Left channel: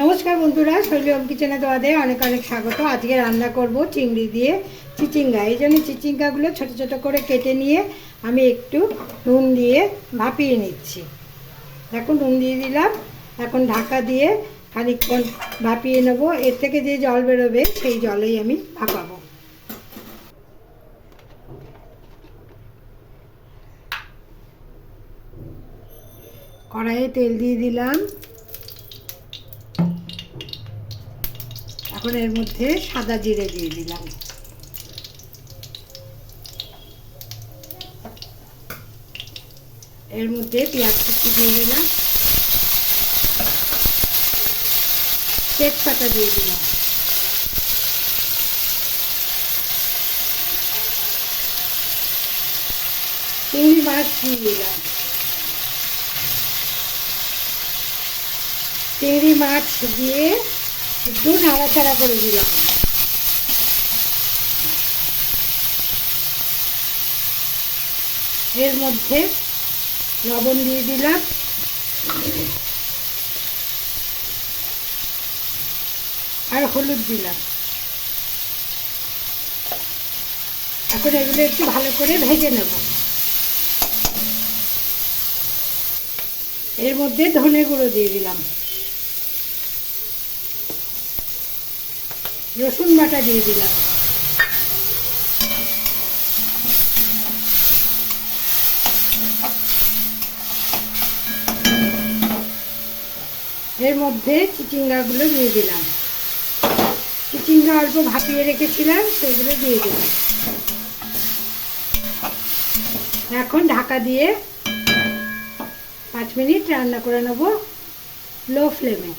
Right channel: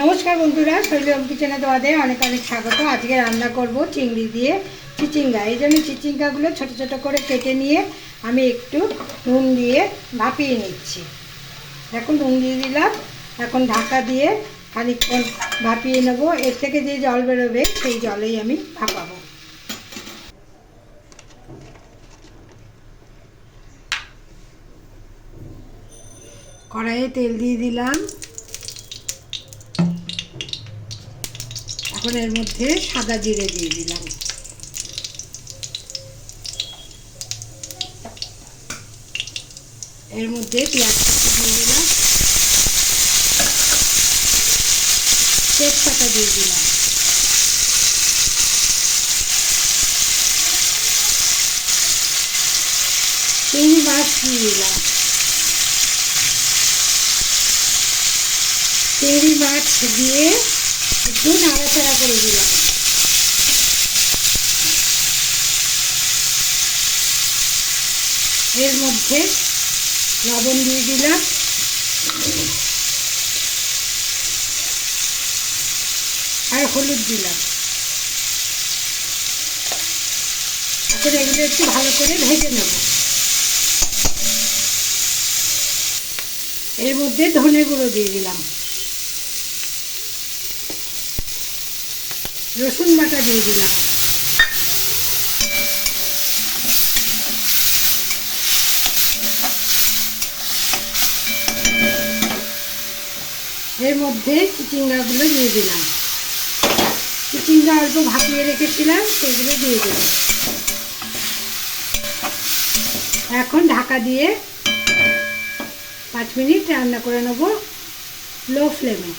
নমস্কার বন্ধুরা শৈলম কিচেনে তোমাদের অনেক অনেক স্বাগত। আজকে রান্না করব চিংড়ি দিয়ে চিচিঙ্গা। এই জন্য চিচিঙ্গাগুলো ছোট ছোট করে কেটে নিয়ে আমি একটু নুন দিয়ে ভাপিয়ে নিচ্ছি। এখন নুন দিয়ে দিলাম। এখন ঢাকা দিয়ে খানিকক্ষণ ভাপিয়ে নেব। এর থেকে যে জল বেরোবে, সেই জলেই আমি ভাপাবো কড়াইয়ে তেল দিয়ে দিলাম। এখন এর মধ্যে সাদা জিরে দিয়ে দিলাম। এর মধ্যে পেঁয়াজ কুচি দিয়ে দিলাম। তেজপাতা দিয়ে দিলাম। চিংড়ি মাছ দিয়ে দিলাম। চিংড়ি মাছ দিয়ে একটু নাড়াচাড়া করে দিলাম। এর মধ্যে লবণ দিয়ে দিলাম। আর হলুদ দিলাম। এখন এগুলো একটু ভালো করে ভেজে নেব। এর মধ্যে ধনে গুঁড়ো দিয়ে দিলাম। রসুন বাটা দিয়ে দিলাম। এর মধ্যে চিচিঙ্গাগুলো দিয়ে দিলাম। চিচিঙ্গা অল্প ভাপিয়ে রেখেছিলাম, সেগুলো দিয়ে দিলাম। এখন ঢাকা দিয়ে পাঁচ মিনিট রান্না করে নেব লো ফ্লেমে।